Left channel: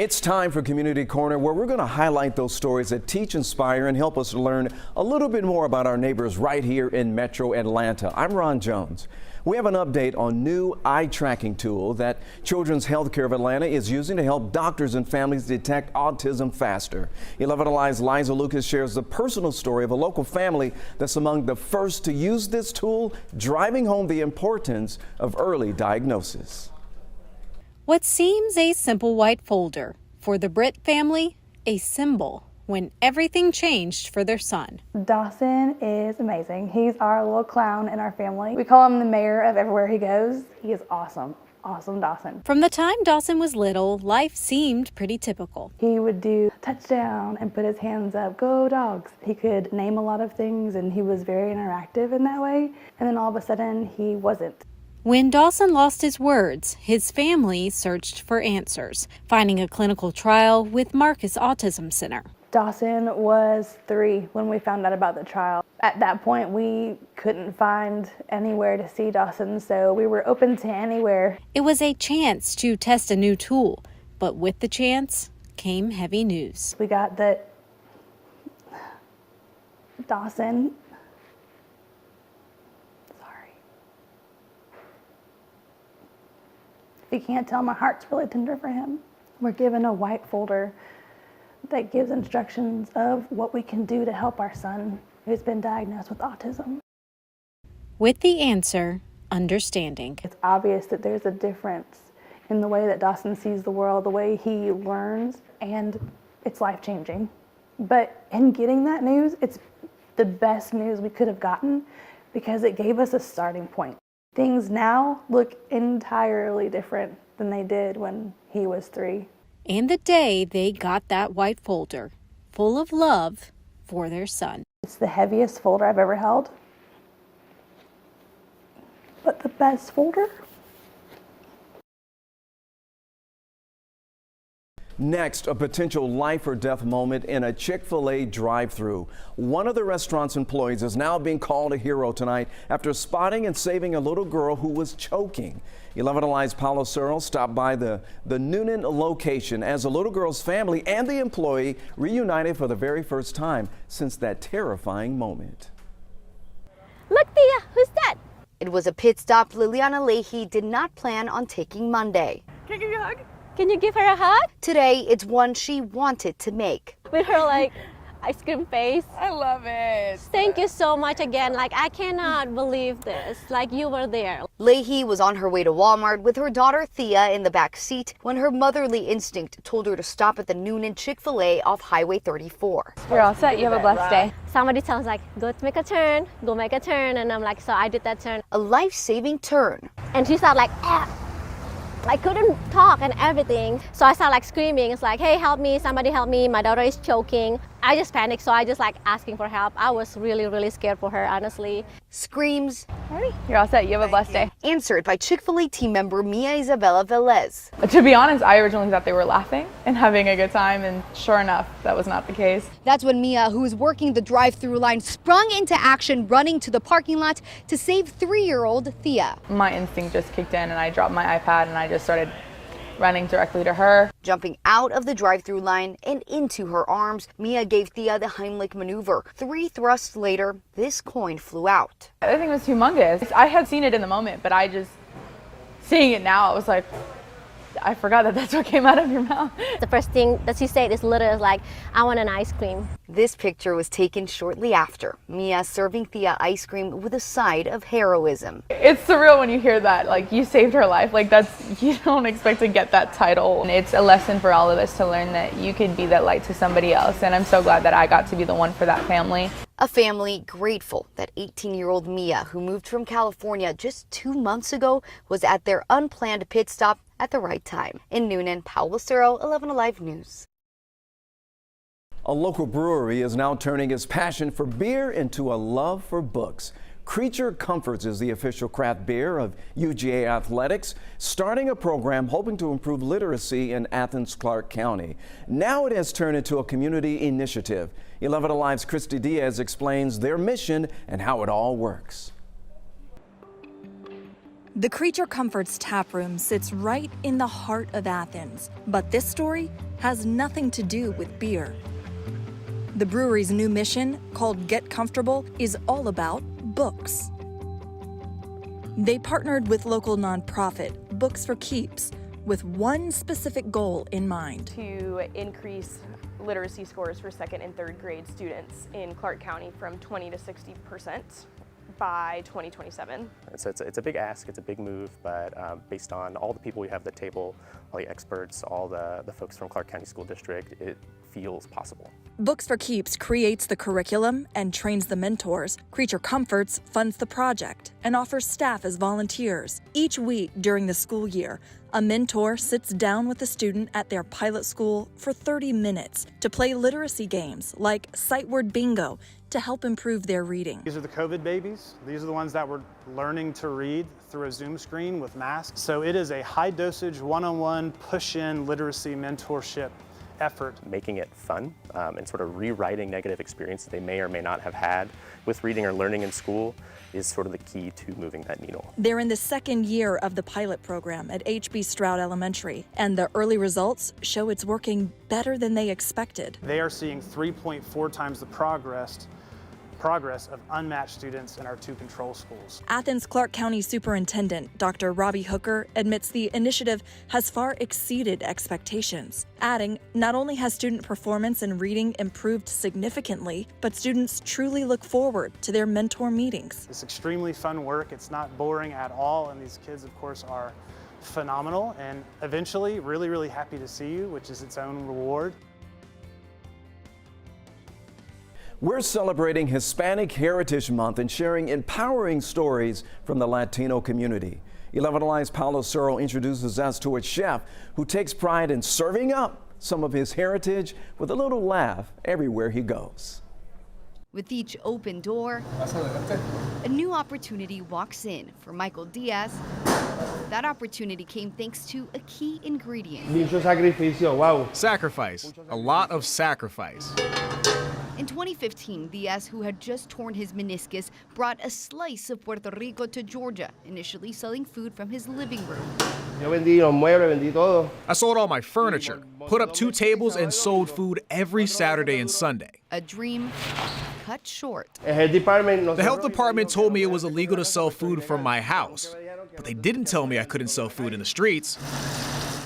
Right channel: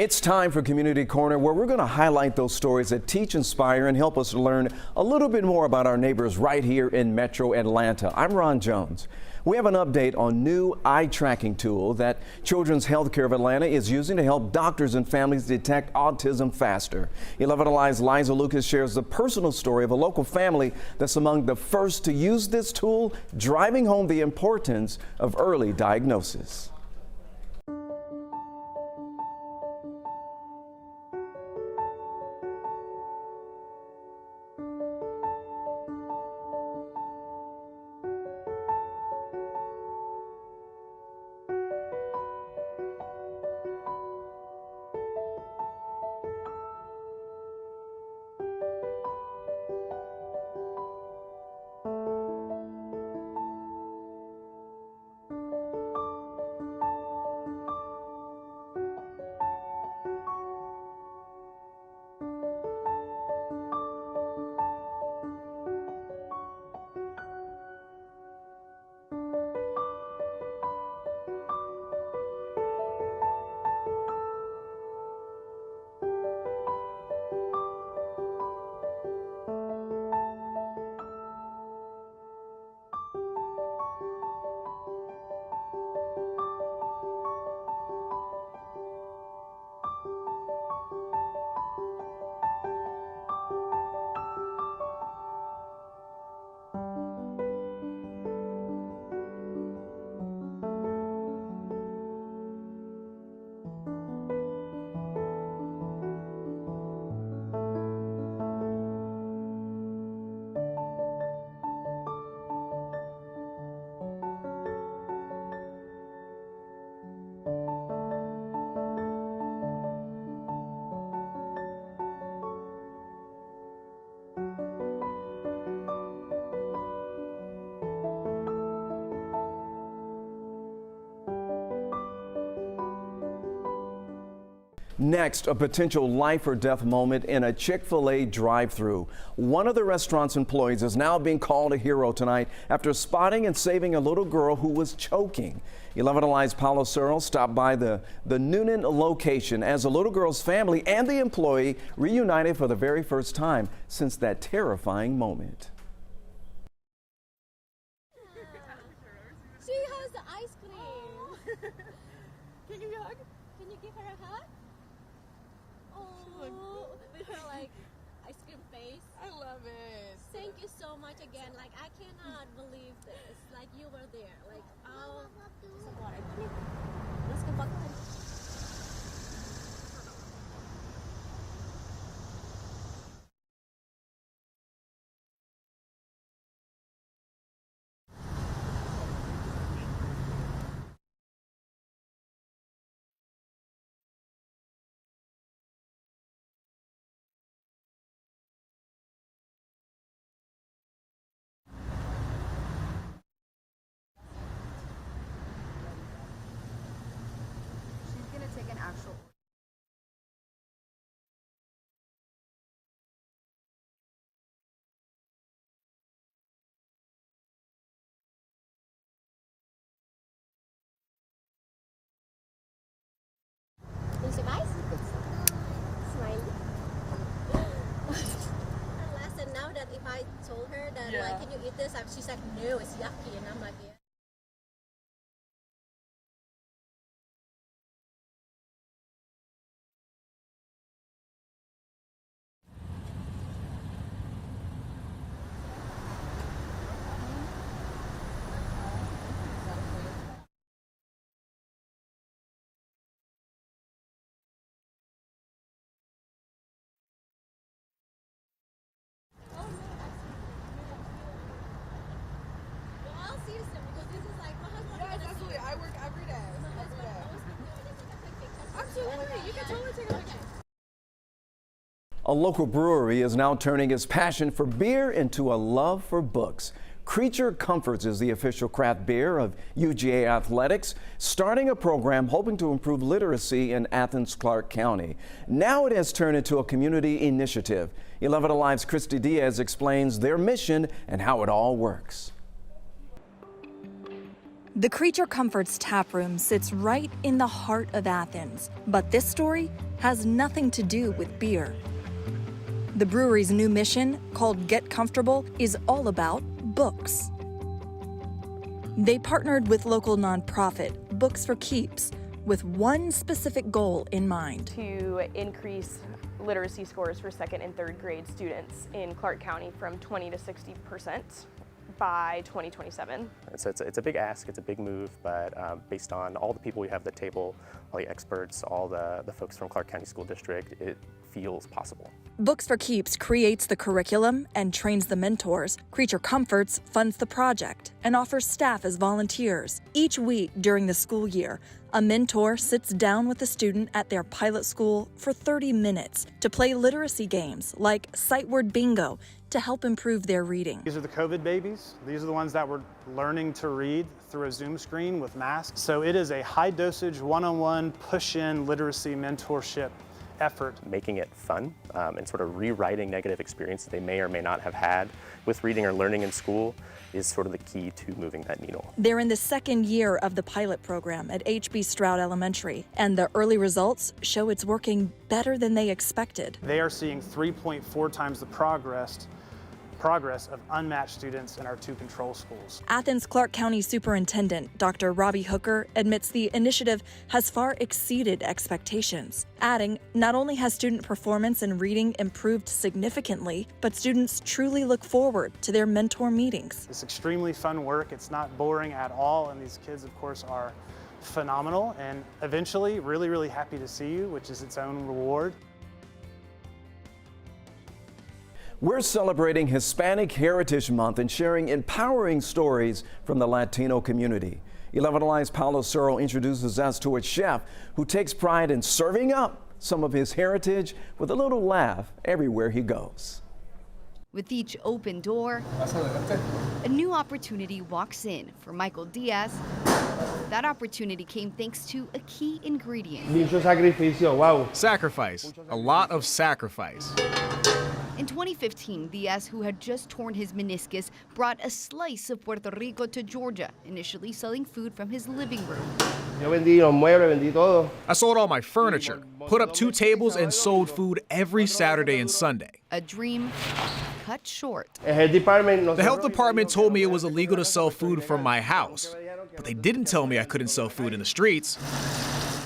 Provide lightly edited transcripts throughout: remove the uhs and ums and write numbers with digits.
It's time for Community Corner, where we're going to highlight those stories that teach, inspire, and help us learn a little bit more about our neighbors right here in Metro Atlanta. I'm Ron Jones. We have an update on new eye tracking tool that Children's Healthcare of Atlanta is using to help doctors and families detect autism faster. 11 Alive's Liza Lucas shares the personal story of a local family that's among the first to use this tool, driving home the importance of early diagnosis. What seems a simple white folder, for the Britt family, a symbol when everything changed for their son. Dawson is amazing. He's our little clown in our family. We call him the mayor of everywhere he goes. He is awesome. Awesome Dawson. From the time Dawson was little, life seemed pretty typical. He would do touchdown and put his hands up, go dogs. He could name a lot of things and he was very interactive in that way. And then all of a sudden he wasn't. When Dawson lost his words, his family searched for answers, finding a clinical trial with Marcus Autism Center. Dawson was 3 when we found out about the trial. At that point, we couldn't find anywhere to see Dawson, so we were open to anywhere. It was a chance to test a new tool, but with the chance came heavy news. We got that Dawson, if you can't tell, my heart's really tender for him. We're given a white folder that gives instructions of what we can do to help our son who's been diagnosed with autism. With the answer, understanding. It's obvious that there's a difference in the way that Dawson sees the world, the way he learns, and it's life-changing. But in getting that news, it's the best news we could have gotten because it gave us a starting point. Things now look entirely different than they did when he was 3. And the day they got that white folder, full of love for their son. It's the heaviest folder I've ever held, but the best folder. Next, a potential life or death moment in a Chick-fil-A drive-thru. One of the restaurant's employees is now being called a hero tonight after spotting and saving a little girl who was choking. 11 Alive's Paulo Searle stopped by the Noonan location as the little girl's family and the employee reunited for the very first time since that terrifying moment. Look, Thea, who's that? It was a pit stop Liliana Leahy did not plan on taking Monday. Can I give you a hug? Can you give her a hug? Today, it's one she wanted to make. With her like ice cream face. I love it. Thank you so much again. Like, I cannot believe this. Like, you were there. Leahy was on her way to Walmart with her daughter Thea in the back seat when her motherly instinct told her to stop at the Noonan Chick-fil-A off Highway 34. You're all set. You have a blessed day. Somebody tells like, go make a turn, go make a turn. And I'm like, so I did that turn. A life-saving turn. And she started like, ah. I couldn't talk and everything. So I started like screaming. It's like, hey, help me, somebody help me. My daughter is choking. I just panicked, so I just like asking for help. I was really, really scared for her, honestly. Screams. You're all set. You have a blessed day. Answered by Chick-fil-A team member Mia Isabella Velez. To be honest, I originally thought they were laughing and having a good time, and sure enough, that was not the case. That's when Mia, who was working the drive-through line, sprung into action, running to the parking lot to save 3-year-old Thea. My instinct just kicked in, and I dropped my iPad, and I just started running directly to her. Jumping out of the drive-through line and into her arms, Mia gave Thea the Heimlich maneuver. 3 thrusts later, this coin flew out. I think it was humongous. I had seen it in the moment, but seeing it now, I was like, I forgot that that's what came out of your mouth. The first thing that she said is literally like, I want an ice cream. This picture was taken shortly after. Mia serving Thea ice cream with a side of heroism. It's surreal when you hear that, like, you saved her life. Like, you don't expect to get that title. And it's a lesson for all of us to learn that you could be that light to somebody else. And I'm so glad that I got to be the one for that family. A family grateful that 18-year-old Mia, who moved from California just 2 months ago, was at their unplanned pit stop at the right time. In Noonan, Paulo Searle, 11 Alive News. A local brewery is now turning its passion for beer into a love for books. Creature Comforts is the official craft beer of UGA Athletics, starting a program hoping to improve literacy in Athens-Clarke County. Now it has turned into a community initiative. 11 Alive's Christy Diaz explains their mission and how it all works. The Creature Comforts tap room sits right in the heart of Athens, but this story has nothing to do with beer. The brewery's new mission, called Get Comfortable, is all about books. They partnered with local nonprofit Books for Keeps with one specific goal in mind. To increase literacy scores for second and third grade students in Clark County from 20 to 60% by 2027. So it's a big ask, it's a big move, but based on all the people we have at the table, all the experts, all the folks from Clark County School District, it feels possible. Books for Keeps creates the curriculum and trains the mentors. Creature Comforts funds the project and offers staff as volunteers. Each week during the school year, a mentor sits down with a student at their pilot school for 30 minutes to play literacy games like sight word bingo to help improve their reading. These are the COVID babies. These are the ones that were learning to read through a Zoom screen with masks. So it is a high dosage, one-on-one, push-in literacy mentorship effort. Making it fun and sort of rewriting negative experiences they may or may not have had with reading or learning in school is sort of the key to moving that needle. They're in the second year of the pilot program at H.B. Stroud Elementary, and the early results show it's working better than they expected. They are seeing 3.4 times the progress of unmatched students in our two control schools. Athens Clark County Superintendent Dr. Robbie Hooker admits the initiative has far exceeded expectations, adding, not only has student performance in reading improved significantly, but students truly look forward to their mentor meetings. It's extremely fun work. It's not boring at all, and these kids, of course, are phenomenal, and eventually really, really happy to see you, which is its own reward. We're celebrating Hispanic Heritage Month and sharing empowering stories from the Latino community. 11 Alive's Paulo Suro introduces us to a chef who takes pride in serving up some of his heritage with a little laugh everywhere he goes. With each open door, a new opportunity walks in for Michael Diaz. That opportunity came thanks to a key ingredient. Mucho sacrificio, wow. Sacrifice, a lot of sacrifice. In 2015, Diaz, who had just torn his meniscus, brought a slice of Puerto Rico to Georgia, initially selling food from his living room. Yo vendí los muebles, vendí todo. I sold all my furniture, put up 2 tables, and sold food every Saturday and Sunday. A dream cut short. The health department told me it was illegal to sell food from my house, but they didn't tell me I couldn't sell food in the streets.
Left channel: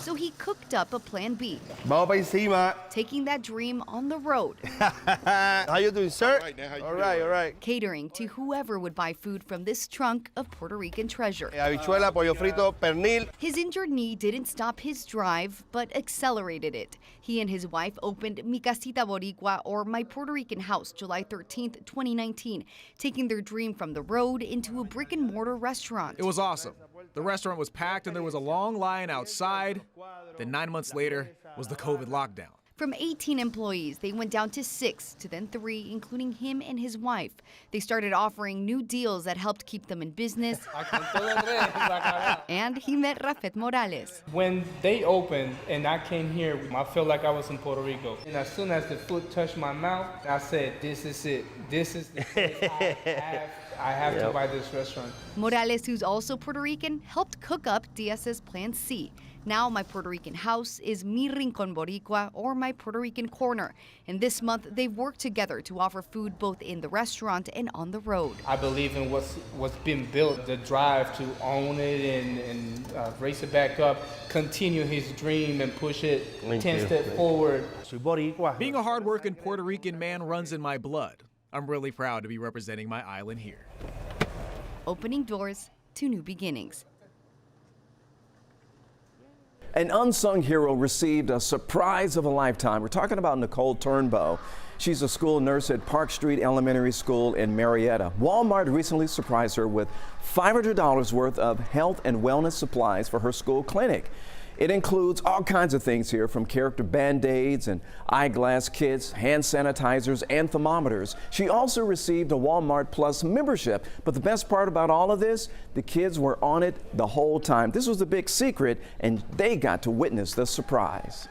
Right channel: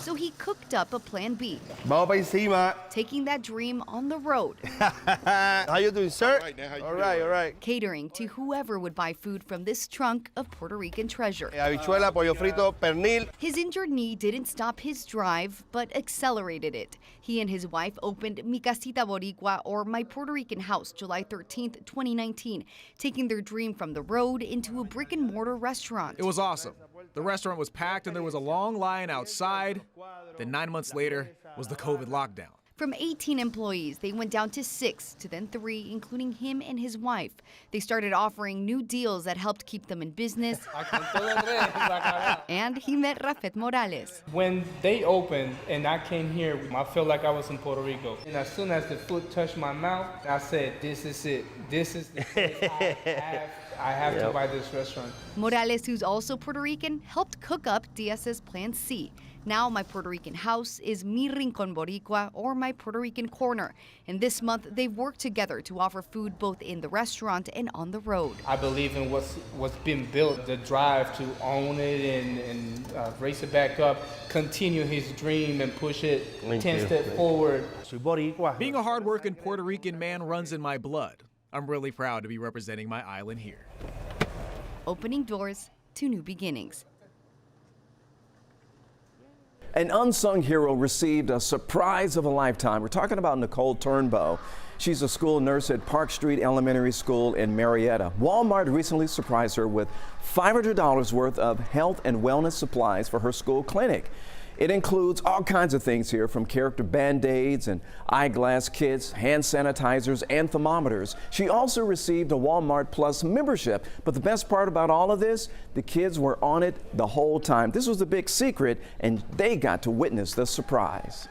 So he cooked up a plan B, Vamos pa encima. taking that dream on the road. How you doing, sir? All right. Catering to whoever would buy food from this trunk of Puerto Rican treasure. Habichuela, pollo frito, pernil. His injured knee didn't stop his drive, but accelerated it. He and his wife opened Mi Casita Boricua, or My Puerto Rican House, July 13th, 2019, taking their dream from the road into a brick-and-mortar restaurant. It was awesome. The restaurant was packed and there was a long line outside. Then 9 months later was the COVID lockdown. From 18 employees, they went down to 6, to then 3, including him and his wife. They started offering new deals that helped keep them in business. And he met Rafet Morales. When they opened and I came here, I felt like I was in Puerto Rico. And as soon as the food touched my mouth, I said, this is it. This is the place I have to buy this restaurant. Morales, who's also Puerto Rican, helped cook up Diaz's Plan C. Now My Puerto Rican House is Mi Rincon Boricua, or My Puerto Rican Corner. And this month, they've worked together to offer food both in the restaurant and on the road. I believe in what's been built, the drive to own it and raise it back up, continue his dream and push it 10 steps forward. Being a hardworking Puerto Rican man runs in my blood. I'm really proud to be representing my island here. Opening doors to new beginnings. An unsung hero received a surprise of a lifetime. We're talking about Nicole Turnbow. She's a school nurse at Park Street Elementary School in Marietta. Walmart recently surprised her with $500 worth of health and wellness supplies for her school clinic. It includes all kinds of things here, from character Band-Aids and eyeglass kits, hand sanitizers, and thermometers. She also received a Walmart Plus membership. But the best part about all of this, the kids were on it the whole time. This was a big secret, and they got to witness the surprise.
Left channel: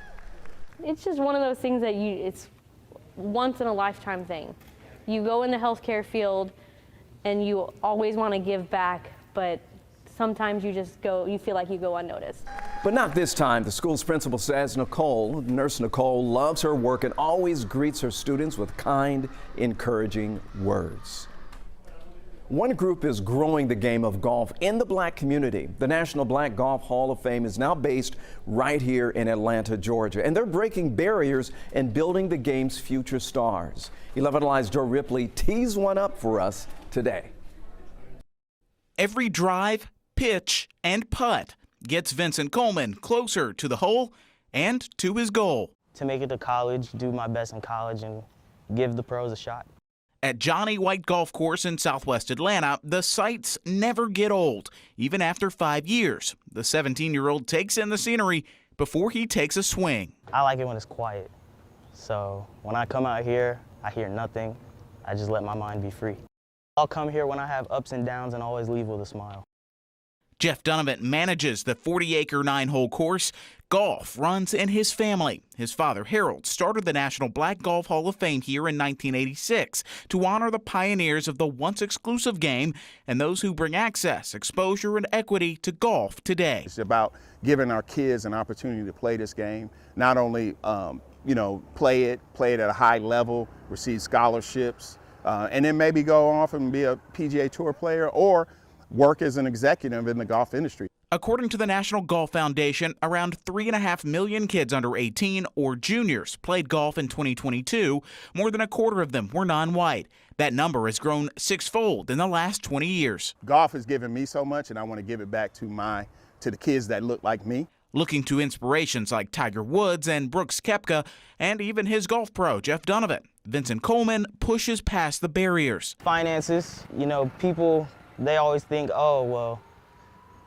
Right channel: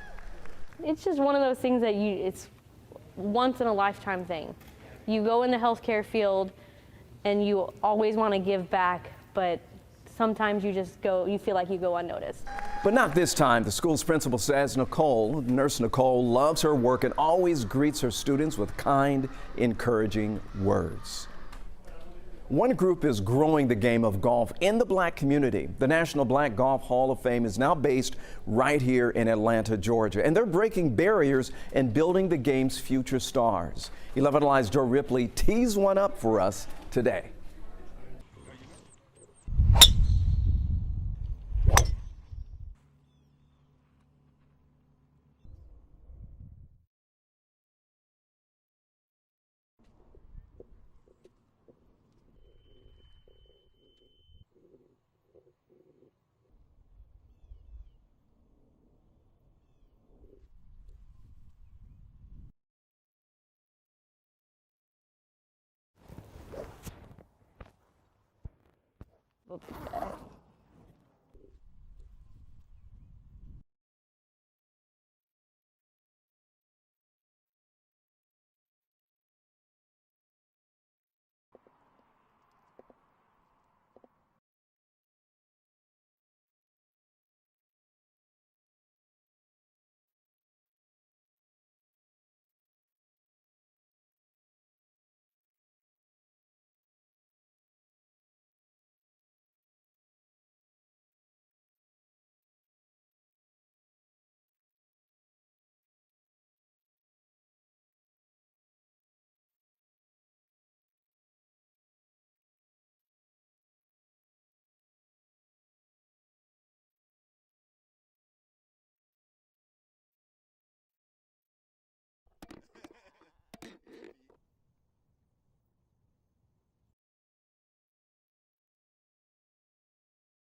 It's just one of those things that it's once in a lifetime thing. You go in the healthcare field and you always want to give back, but sometimes you feel like you go unnoticed. But not this time. The school's principal says Nurse Nicole, loves her work and always greets her students with kind, encouraging words. One group is growing the game of golf in the Black community. The National Black Golf Hall of Fame is now based right here in Atlanta, Georgia, and they're breaking barriers and building the game's future stars. 11 Alive's Joe Ripley tees one up for us today. Every drive, pitch, and putt gets Vincent Coleman closer to the hole and to his goal. To make it to college, do my best in college, and give the pros a shot. At Johnny White Golf Course in Southwest Atlanta, the sights never get old, even after 5 years. The 17-year-old takes in the scenery before he takes a swing. I like it when it's quiet. So when I come out here, I hear nothing. I just let my mind be free. I'll come here when I have ups and downs and always leave with a smile. Jeff Donovan manages the 40-acre 9-hole course. Golf runs in his family. His father, Harold, started the National Black Golf Hall of Fame here in 1986 to honor the pioneers of the once exclusive game and those who bring access, exposure, and equity to golf today. It's about giving our kids an opportunity to play this game, not only play it at a high level, receive scholarships, and then maybe go off and be a PGA Tour player or work as an executive in the golf industry. According to the National Golf Foundation, around 3.5 million kids under 18 or juniors played golf in 2022. More than a quarter of them were non-white. That number has grown sixfold in the last 20 years. Golf has given me so much, and I want to give it back to the kids that look like me. Looking to inspirations like Tiger Woods and Brooks Koepka, and even his golf pro, Jeff Donovan, Vincent Coleman pushes past the barriers. Finances, people, they always think, oh, well,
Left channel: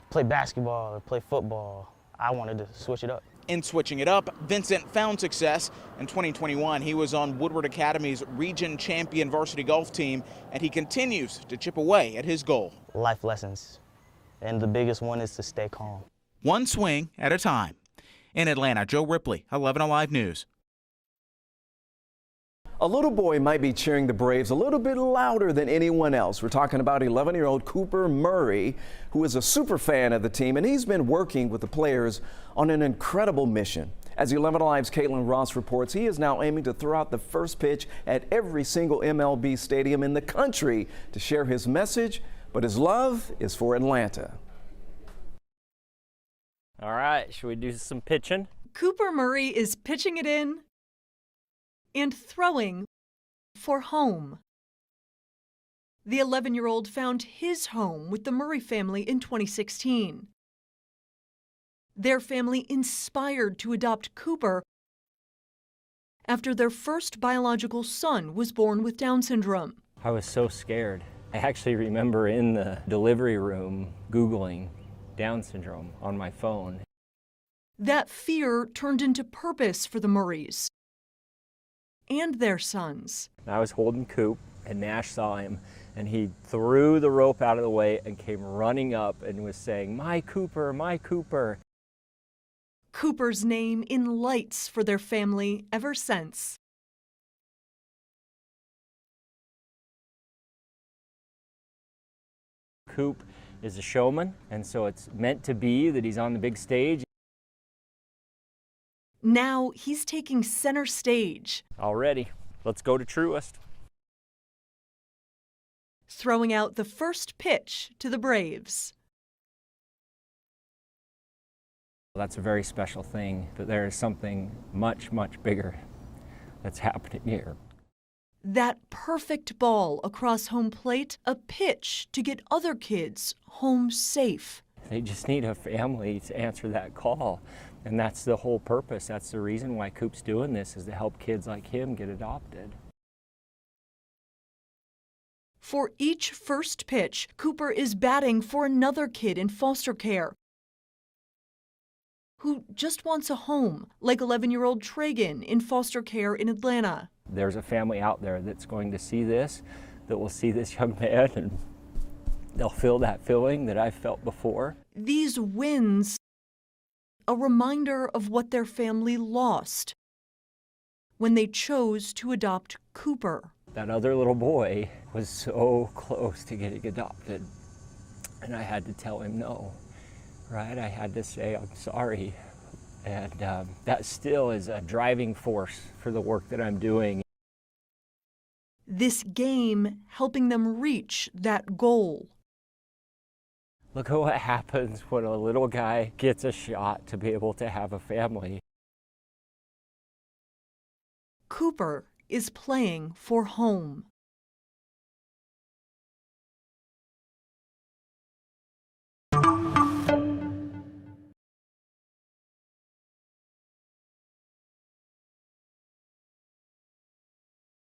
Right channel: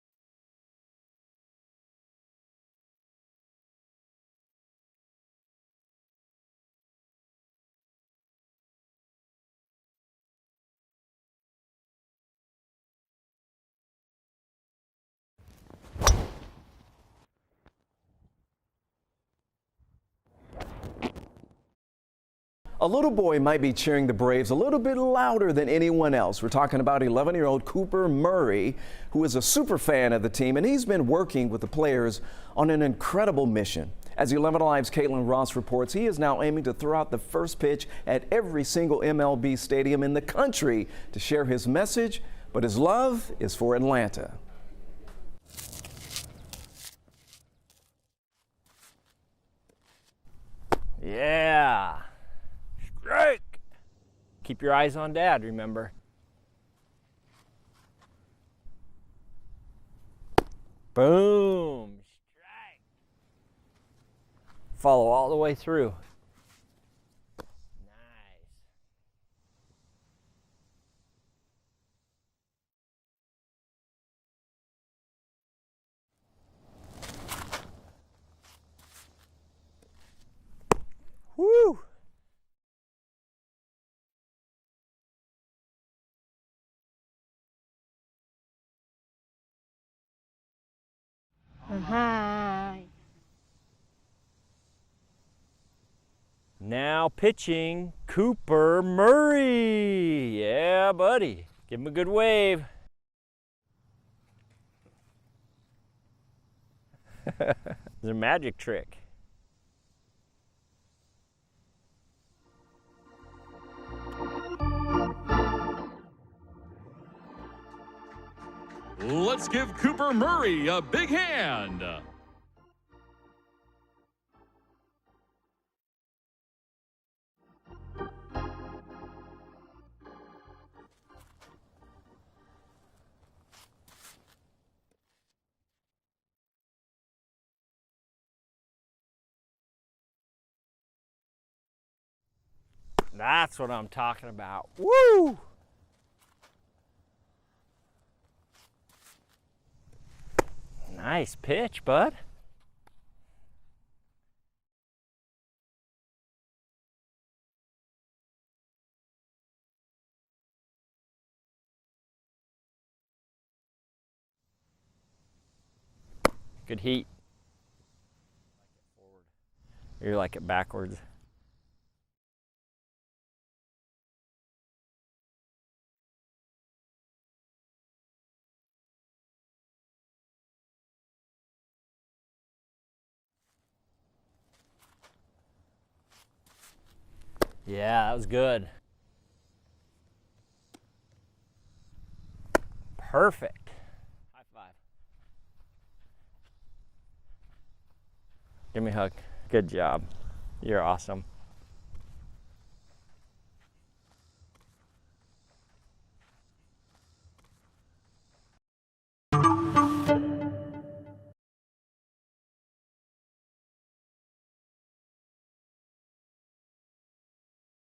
play basketball or play football. I wanted to switch it up. In switching it up, Vincent found success. In 2021, he was on Woodward Academy's region champion varsity golf team, and he continues to chip away at his goal. Life lessons, and the biggest one is to stay calm. One swing at a time. In Atlanta, Joe Ripley, 11 Alive News. A little boy might be cheering the Braves a little bit louder than anyone else. We're talking about 11-year-old Cooper Murray, who is a super fan of the team, and he's been working with the players on an incredible mission. As 11 Alive's Caitlin Ross reports, he is now aiming to throw out the first pitch at every single MLB stadium in the country to share his message, but his love is for Atlanta. All right, should we do some pitching? Cooper Murray is pitching it in. Yeah. And throwing for home. Keep your eyes on Dad, remember? The 11-year-old found his home with the Murray family in 2016. Boom. Their family inspired to adopt Cooper. Follow all the way through. After their first biological son was born with Down syndrome. I was so scared. I actually remember in the delivery room Googling Down syndrome on my phone. That fear turned into purpose for the Murrays. Woo! And their sons. I was holding Coop, and Nash saw him, and he threw the rope out of the way and came running up and was saying, "My Cooper, my Cooper." Cooper's name in lights for their family ever since. Now pitching, Cooper Murray. Yeah, buddy. Give him a good wave. Coop is a showman, and so it's meant to be that he's on the big stage. It's a magic trick. Now he's taking center stage. Already. Let's go to Truist. Throwing out the first pitch to the Braves. Let's give Cooper Murray a big hand. That's a very special thing, but there is something much, much bigger that's happening here. That perfect ball across home plate, a pitch to get other kids home safe. They just need a family to answer that call. And that's the whole purpose. That's the reason why Coop's doing this, is to help kids like him get adopted. That's what I'm talking about. Woo! For each first pitch, Cooper is batting for another kid in foster care. Nice pitch, bud. Who just wants a home, like 11-year-old Tragan in foster care in Atlanta. There's a family out there that's going to see this, that will see this young man, and they'll feel that feeling that I've felt before. These wins. Good heat. A reminder of what their family lost. You're like it backwards. When they chose to adopt Cooper. That other little boy was so close to getting adopted. And I had to tell him no, right? I had to say, I'm sorry. And that still is a driving force for the work that I'm doing. Yeah, that was good. This game helping them reach that goal. Perfect. Look at what happens when a little guy gets a shot to be able to have a family. Give me a hug. Good job. You're awesome. Cooper is playing for home.